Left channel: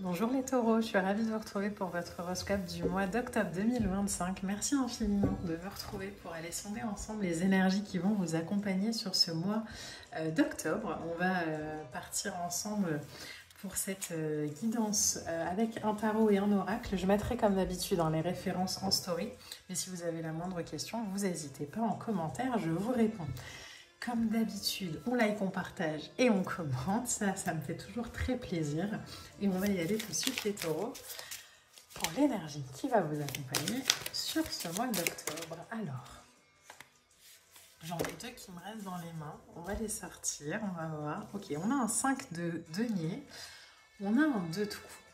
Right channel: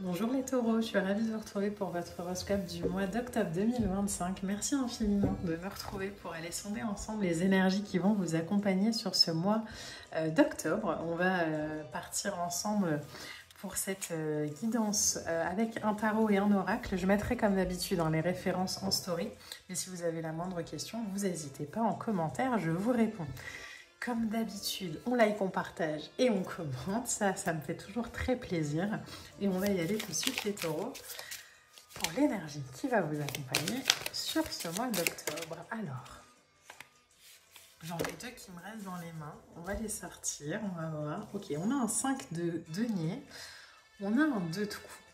Bonjour les taureaux, je suis ravie de vous retrouver pour votre horoscope du mois d'octobre 2025. Merci infiniment de me retrouver pour aller sonder ensemble les énergies qui vont vous accompagner sur ce mois d'octobre. On va partir ensemble pour cette guidance avec un tarot et un oracle. Je mettrai comme d'habitude dans les références en story. Mais si vous avez la moindre question, vous n'hésitez pas en commentaire, je vous réponds. Comme d'habitude, on like, on partage et on commente. Ça me fait toujours très plaisir. Et on va y aller tout de suite les taureaux pour l'énergie qui va vous accompagner sur ce mois d'octobre. Alors, j'en ai deux qui me restent dans les mains. On va les sortir, on va voir. Ok, on a un 5 de denier. On a un 2 de coupe.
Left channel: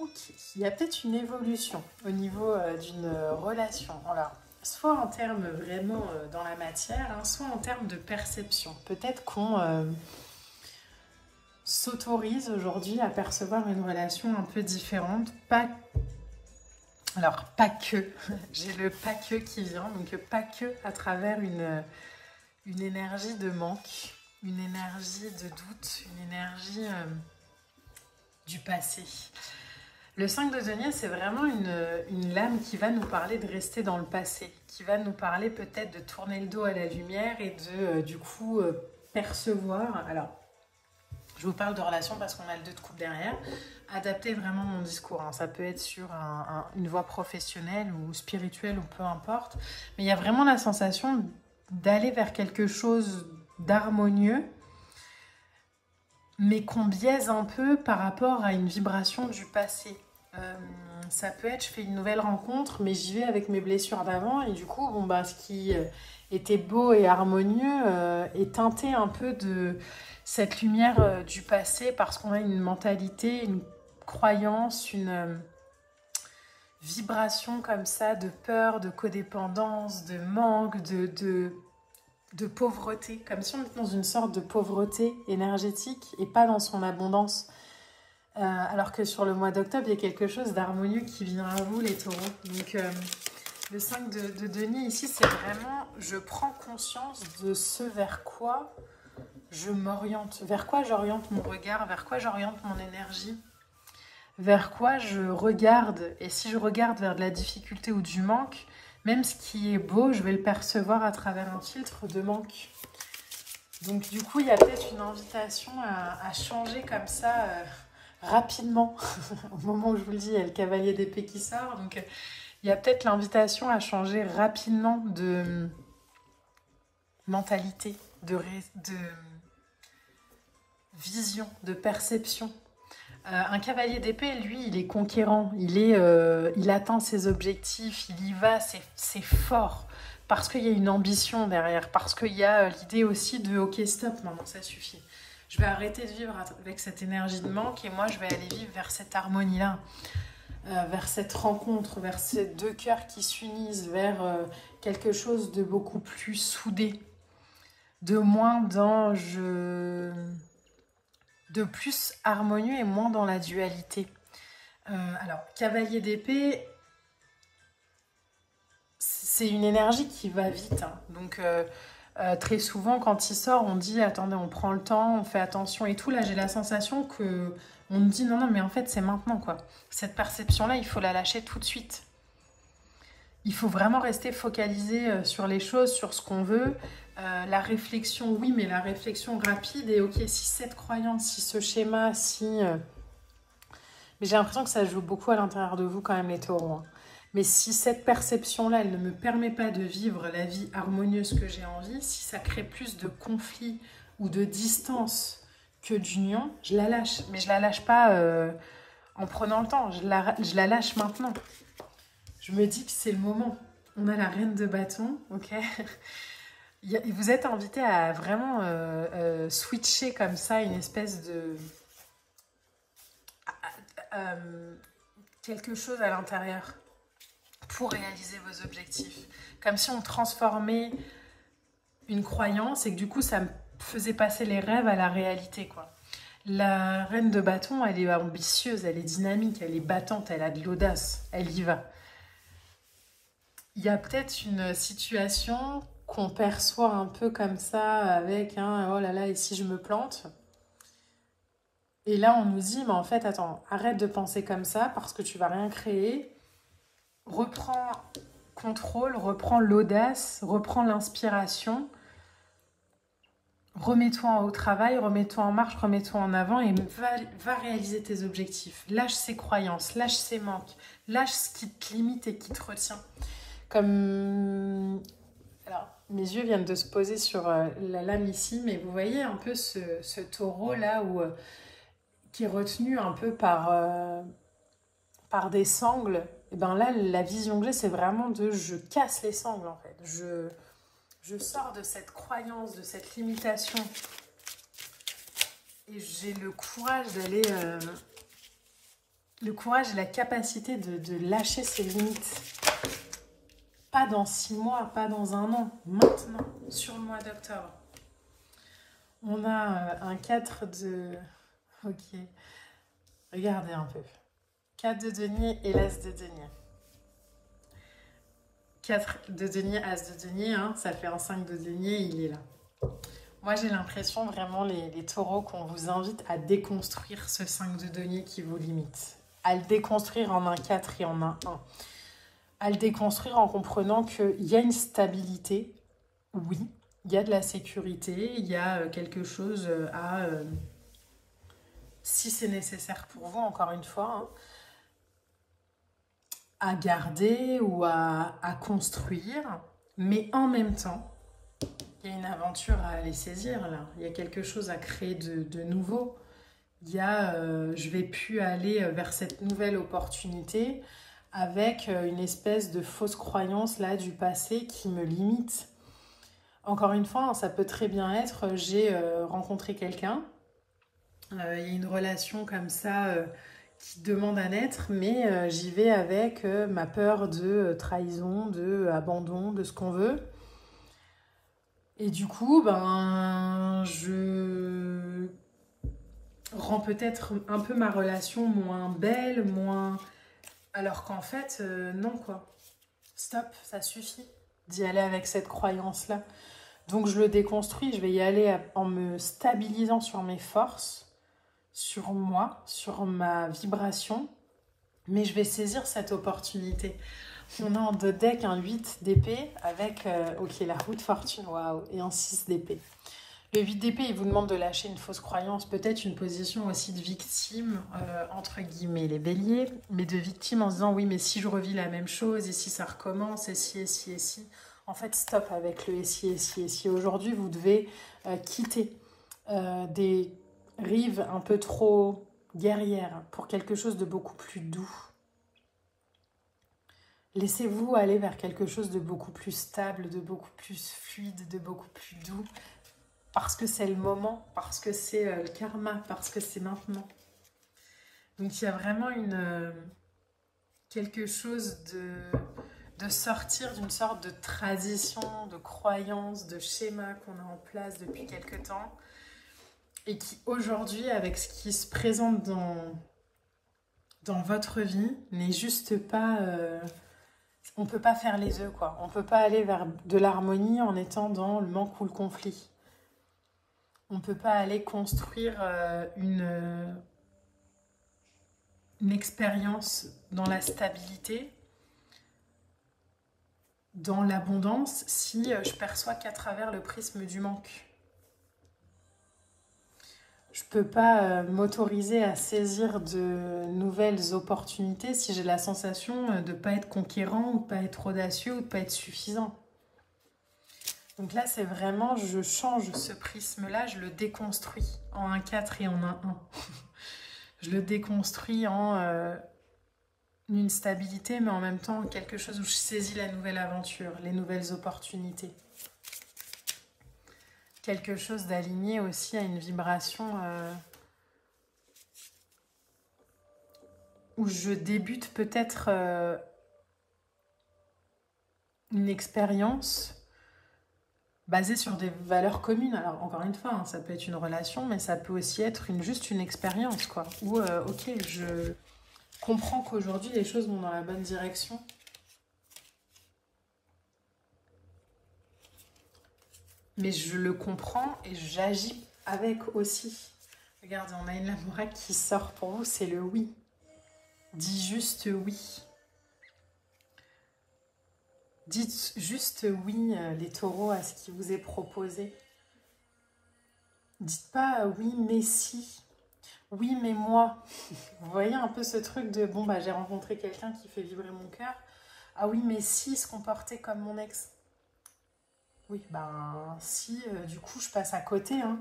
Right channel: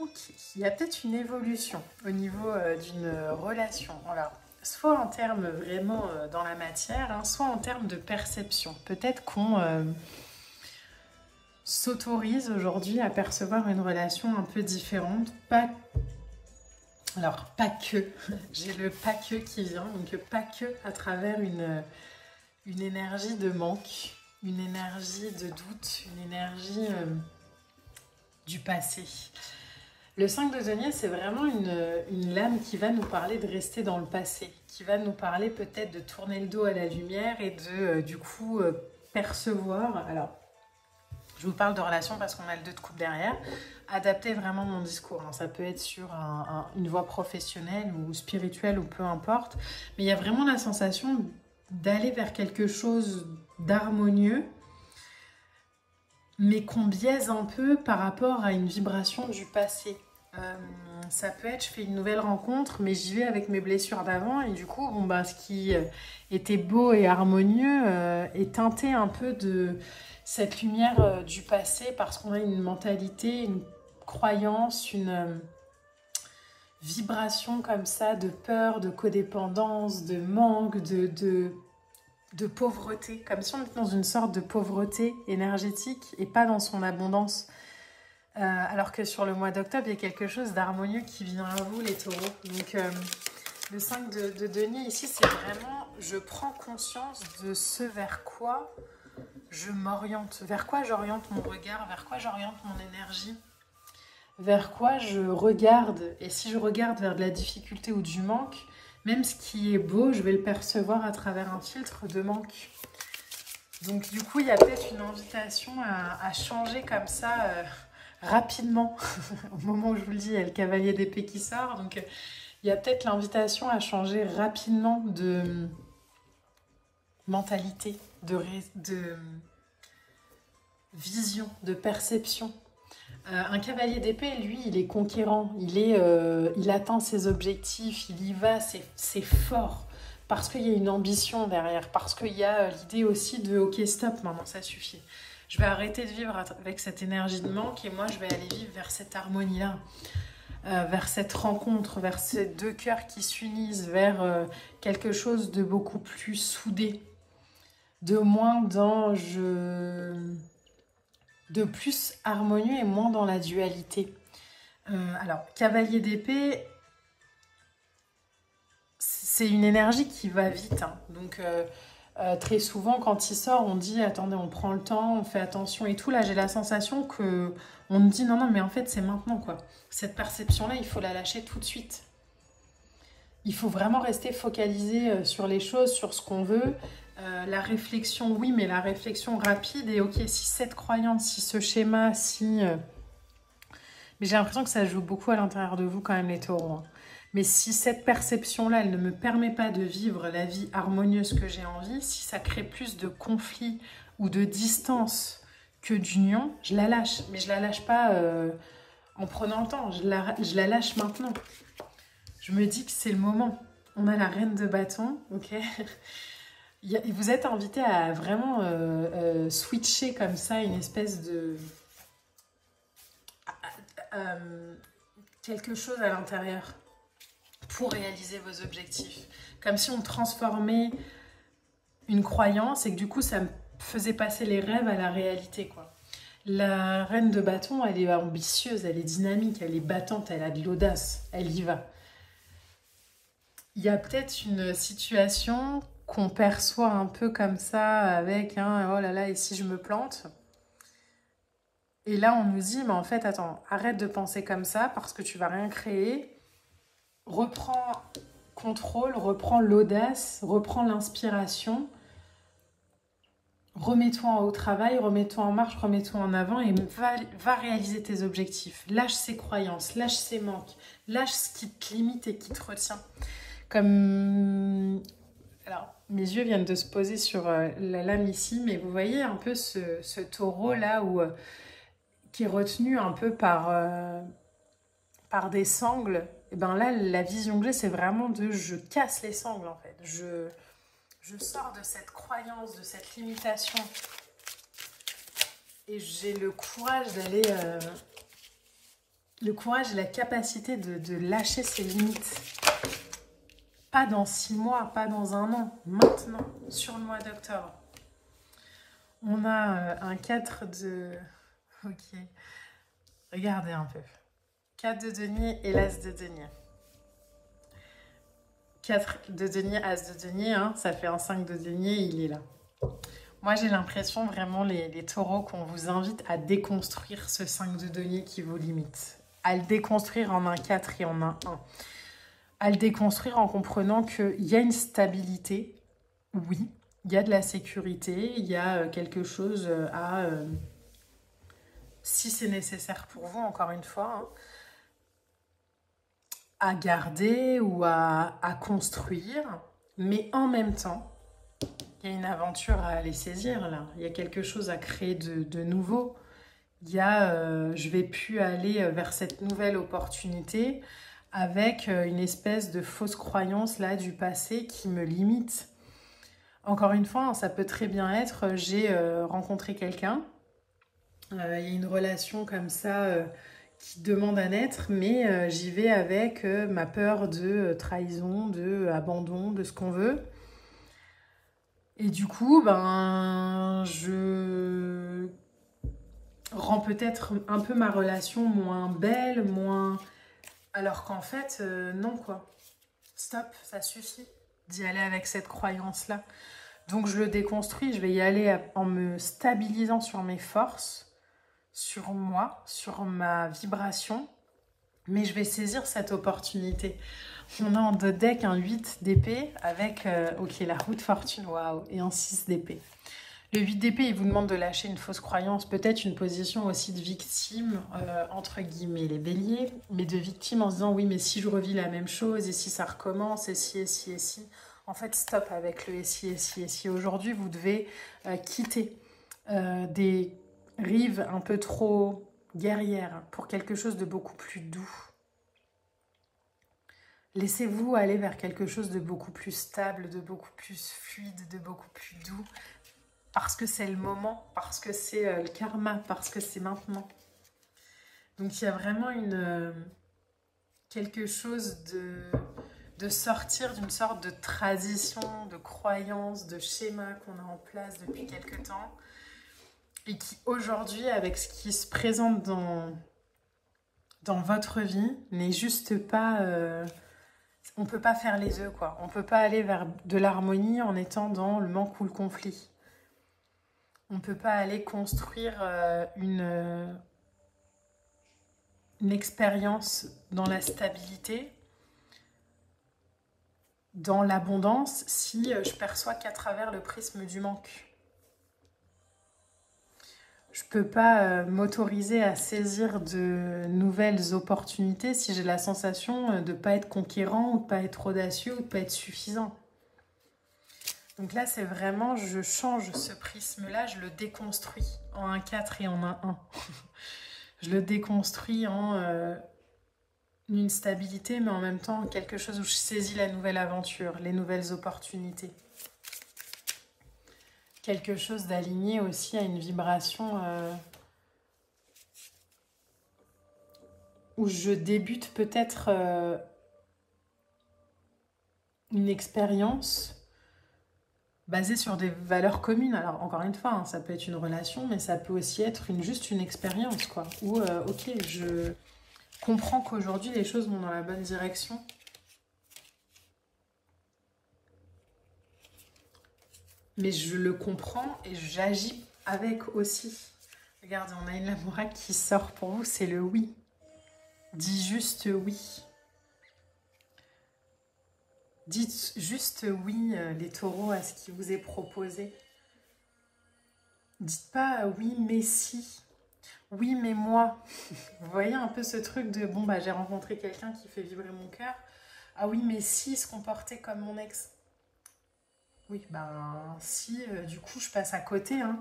Ok, il y a peut-être une évolution au niveau d'une relation. Alors, soit en termes vraiment dans la matière, hein, soit en termes de perception. Peut-être qu'on s'autorise aujourd'hui à percevoir une relation un peu différente. Alors, pas que, j'ai le pas que qui vient, donc pas que à travers une énergie de manque, une énergie de doute, une énergie du passé. Le 5 de denier, c'est vraiment une lame qui va nous parler de rester dans le passé, qui va nous parler peut-être de tourner le dos à la lumière et de, du coup, percevoir. Alors, je vous parle de relation parce qu'on a le 2 de coupe derrière. Adapter vraiment mon discours, hein. Ça peut être sur une voie professionnelle ou spirituelle ou peu importe. Mais il y a vraiment la sensation d'aller vers quelque chose d'harmonieux, mais qu'on biaise un peu par rapport à une vibration du passé. Ça peut être, je fais une nouvelle rencontre, mais j'y vais avec mes blessures d'avant, et du coup, bon, bah, ce qui était beau et harmonieux est teinté un peu de cette lumière du passé, parce qu'on a une mentalité, une croyance, une vibration comme ça, de peur, de codépendance, de manque, de pauvreté, comme si on était dans une sorte de pauvreté énergétique et pas dans son abondance. Alors que sur le mois d'octobre, il y a quelque chose d'harmonieux qui vient à vous, les taureaux. Donc, le 5 de denier ici, c'est vraiment, je prends conscience de ce vers quoi je m'oriente, vers quoi j'oriente mon regard, vers quoi j'oriente mon énergie, vers quoi je regarde. Et si je regarde vers de la difficulté ou du manque, même ce qui est beau, je vais le percevoir à travers un filtre de manque. Donc du coup, il y a peut-être une invitation à changer comme ça rapidement. Au moment où je vous le dis, il y a le cavalier d'épée qui sort. Donc il y a peut-être l'invitation à changer rapidement de mentalité, de vision, de perception. Un cavalier d'épée, lui, il est conquérant, il atteint ses objectifs, il y va, c'est fort, parce qu'il y a une ambition derrière, parce qu'il y a l'idée aussi de « ok, stop, maintenant ça suffit ». Je vais arrêter de vivre avec cette énergie de manque et moi, je vais aller vivre vers cette harmonie-là, vers cette rencontre, vers ces deux cœurs qui s'unissent, vers quelque chose de beaucoup plus soudé, de moins dans de plus harmonieux et moins dans la dualité. Alors, cavalier d'épée, c'est une énergie qui va vite, hein. Donc très souvent quand il sort, on dit attendez, on prend le temps, on fait attention et tout. Là, j'ai la sensation que on me dit non, non, mais en fait, c'est maintenant, quoi. Cette perception-là, il faut la lâcher tout de suite. Il faut vraiment rester focalisé sur les choses, sur ce qu'on veut. La réflexion, oui, mais la réflexion rapide. Et ok, si cette croyance, si ce schéma, si... Mais j'ai l'impression que ça joue beaucoup à l'intérieur de vous quand même, les taureaux. Mais si cette perception-là, elle ne me permet pas de vivre la vie harmonieuse que j'ai envie, si ça crée plus de conflits ou de distance que d'union, je la lâche. Mais je la lâche pas en prenant le temps, je la lâche maintenant. Je me dis que c'est le moment. On a la reine de bâton, ok. Vous êtes invité à vraiment switcher comme ça une espèce de... quelque chose à l'intérieur pour réaliser vos objectifs. Comme si on transformait une croyance et que du coup, ça me faisait passer les rêves à la réalité, quoi. La reine de bâton, elle est ambitieuse, elle est dynamique, elle est battante, elle a de l'audace, elle y va. Il y a peut-être une situation qu'on perçoit un peu comme ça avec oh là là, et si je me plante? Et là, on nous dit, mais en fait, attends, arrête de penser comme ça parce que tu vas rien créer. Reprends contrôle, reprends l'audace, reprends l'inspiration. Remets-toi au travail, remets-toi en marche, remets-toi en avant et va réaliser tes objectifs. Lâche ces croyances, lâche ces manques, lâche ce qui te limite et qui te retient. Comme... Alors, mes yeux viennent de se poser sur la lame ici, mais vous voyez un peu ce taureau là qui est retenu un peu par des sangles. Et bien là, la vision que j'ai, c'est vraiment je casse les sangles en fait. Je sors de cette croyance, de cette limitation. Et j'ai le courage d'aller... le courage et la capacité de lâcher ces limites. Pas dans 6 mois, pas dans un an. Maintenant, sur le mois d'octobre. On a un 4 de... Ok. Regardez un peu. 4 de denier et l'as de denier. 4 de denier, as de denier, hein, ça fait un 5 de denier, il est là. Moi, j'ai l'impression vraiment, les taureaux, qu'on vous invite à déconstruire ce 5 de denier qui vous limite. À le déconstruire en un 4 et en un 1. À le déconstruire en comprenant qu'il y a une stabilité, oui, il y a de la sécurité, il y a quelque chose à, si c'est nécessaire pour vous, encore une fois, hein, à garder ou à construire, mais en même temps, il y a une aventure à aller saisir là, il y a quelque chose à créer de nouveau, il y a, je vais plus aller vers cette nouvelle opportunité avec une espèce de fausse croyance là du passé qui me limite. Encore une fois, ça peut très bien être, j'ai rencontré quelqu'un, il y a une relation comme ça qui demande à naître, mais j'y vais avec ma peur de trahison, de abandon, de ce qu'on veut. Et du coup, ben, je rends peut-être un peu ma relation moins belle, moins... Alors qu'en fait, non quoi. Stop, ça suffit d'y aller avec cette croyance-là. Donc je le déconstruis, je vais y aller en me stabilisant sur mes forces, sur moi, sur ma vibration, mais je vais saisir cette opportunité. On a en deux decks un 8 d'épée avec, ok, la roue de fortune, waouh, et un 6 d'épée. Le 8 d'épée, il vous demande de lâcher une fausse croyance, peut-être une position aussi de victime, entre guillemets, les béliers, mais de victime en se disant, oui, mais si je revis la même chose, et si ça recommence, et si, et si, et si. En fait, stop avec le et si, et si, et si. Aujourd'hui, vous devez quitter des rives un peu trop guerrières pour quelque chose de beaucoup plus doux. Laissez-vous aller vers quelque chose de beaucoup plus stable, de beaucoup plus fluide, de beaucoup plus doux. Parce que c'est le moment, parce que c'est le karma, parce que c'est maintenant. Donc il y a vraiment quelque chose de sortir d'une sorte de tradition, de croyance, de schéma qu'on a en place depuis quelque temps. Et qui aujourd'hui, avec ce qui se présente dans votre vie, n'est juste pas... on ne peut pas faire les deux, quoi. On ne peut pas aller vers de l'harmonie en étant dans le manque ou le conflit. On ne peut pas aller construire une expérience dans la stabilité, dans l'abondance, si je perçois qu'à travers le prisme du manque. Je ne peux pas m'autoriser à saisir de nouvelles opportunités si j'ai la sensation de ne pas être conquérant, ou de ne pas être audacieux, ou de ne pas être suffisant. Donc là, c'est vraiment, je change ce prisme-là, je le déconstruis en un 4 et en un 1. Je le déconstruis en une stabilité, mais en même temps quelque chose où je saisis la nouvelle aventure, les nouvelles opportunités. Quelque chose d'aligné aussi à une vibration où je débute peut-être une expérience basée sur des valeurs communes. Alors encore une fois, hein, ça peut être une relation, mais ça peut aussi être juste une expérience, quoi. Où, ok, je comprends qu'aujourd'hui les choses vont dans la bonne direction. Mais je le comprends et j'agis avec aussi. Regardez, on a une lamouraque qui sort pour vous, c'est le oui. Dis juste oui. Dites juste oui, les taureaux, à ce qui vous est proposé. Dites pas oui, mais si. Oui, mais moi. Vous voyez un peu ce truc de bon, bah j'ai rencontré quelqu'un qui fait vibrer mon cœur. Ah oui, mais si il se comportait comme mon ex. Oui, ben si, du coup, je passe à côté. Hein.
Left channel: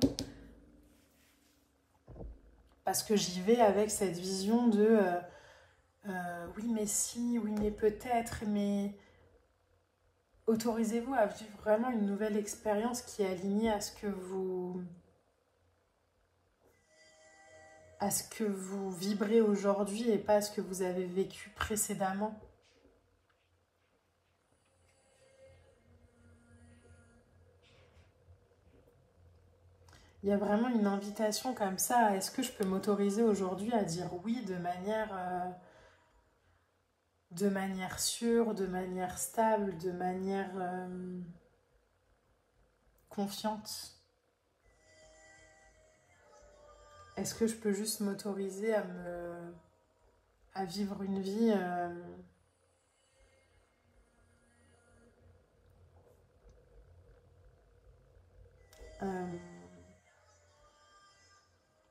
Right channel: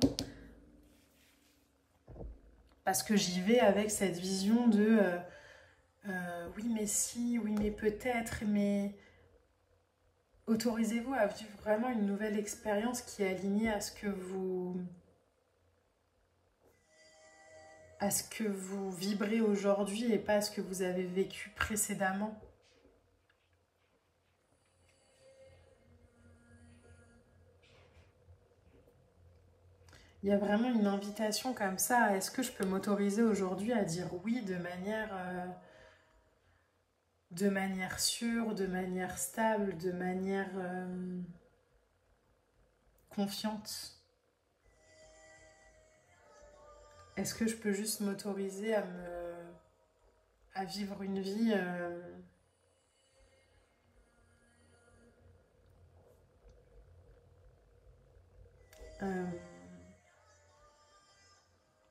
Parce que j'y vais avec cette vision de oui, mais si, oui, mais peut-être, mais autorisez-vous à vivre vraiment une nouvelle expérience qui est alignée à ce que vous vibrez aujourd'hui et pas à ce que vous avez vécu précédemment. Il y a vraiment une invitation comme ça. Est-ce que je peux m'autoriser aujourd'hui à dire oui de manière sûre, de manière stable, de manière confiante? Est-ce que je peux juste m'autoriser à vivre une vie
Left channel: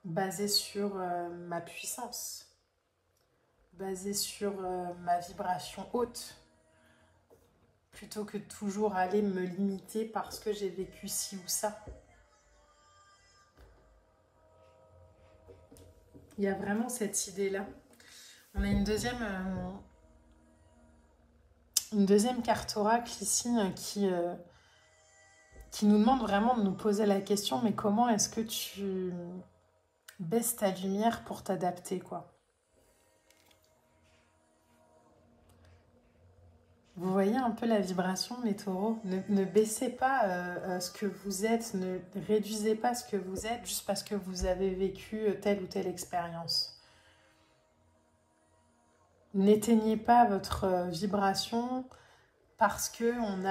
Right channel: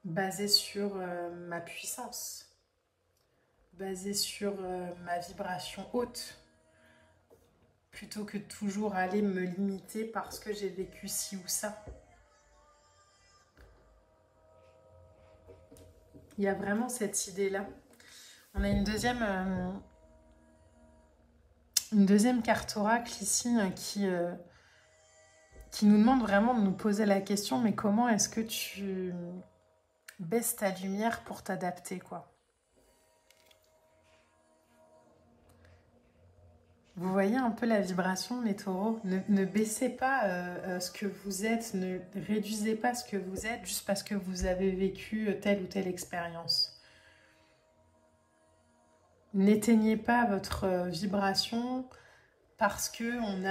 basée sur ma puissance, basée sur ma vibration haute, plutôt que toujours aller me limiter parce que j'ai vécu ci ou ça. Il y a vraiment cette idée-là. On a une deuxième carte oracle ici qui nous demande vraiment de nous poser la question, mais comment est-ce que tu baisses ta lumière pour t'adapter, quoi? Vous voyez un peu la vibration, les taureaux. Ne baissez pas ce que vous êtes, ne réduisez pas ce que vous êtes juste parce que vous avez vécu telle ou telle expérience. N'éteignez pas votre vibration parce qu'on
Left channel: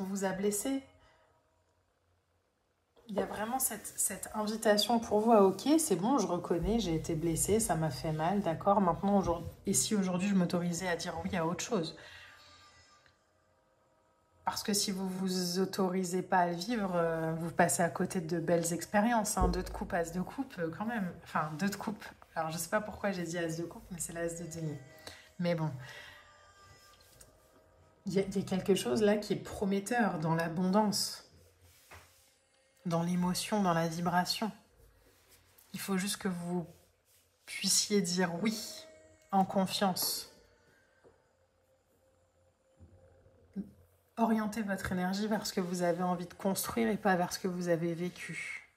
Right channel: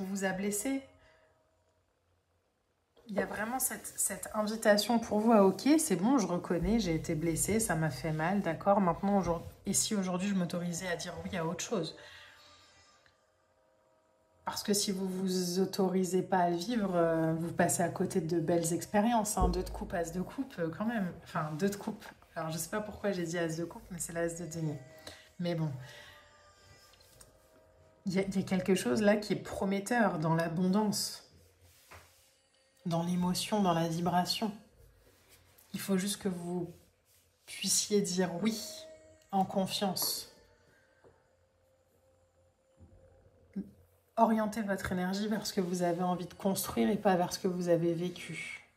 vous a blessé. Il y a vraiment cette invitation pour vous à ok, c'est bon, je reconnais, j'ai été blessée, ça m'a fait mal, d'accord, maintenant, et si aujourd'hui je m'autorisais à dire oui à autre chose? Parce que si vous vous autorisez pas à le vivre, vous passez à côté de belles expériences. Hein. Deux de coupe, as de coupe, quand même. Enfin, deux de coupe. Alors, je sais pas pourquoi j'ai dit as de coupe, mais c'est l'as de denier. Mais bon. Il y a quelque chose là qui est prometteur dans l'abondance. Dans l'émotion, dans la vibration. Il faut juste que vous puissiez dire oui, en confiance. Orientez votre énergie vers ce que vous avez envie de construire et pas vers ce que vous avez vécu.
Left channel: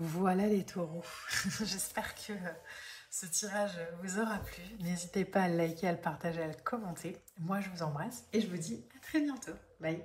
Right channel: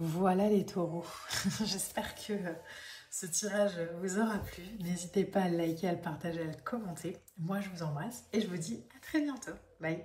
Voilà les taureaux. J'espère que ce tirage vous aura plu. N'hésitez pas à le liker, à le partager, à le commenter. Moi, je vous embrasse et je vous dis à très bientôt. Bye.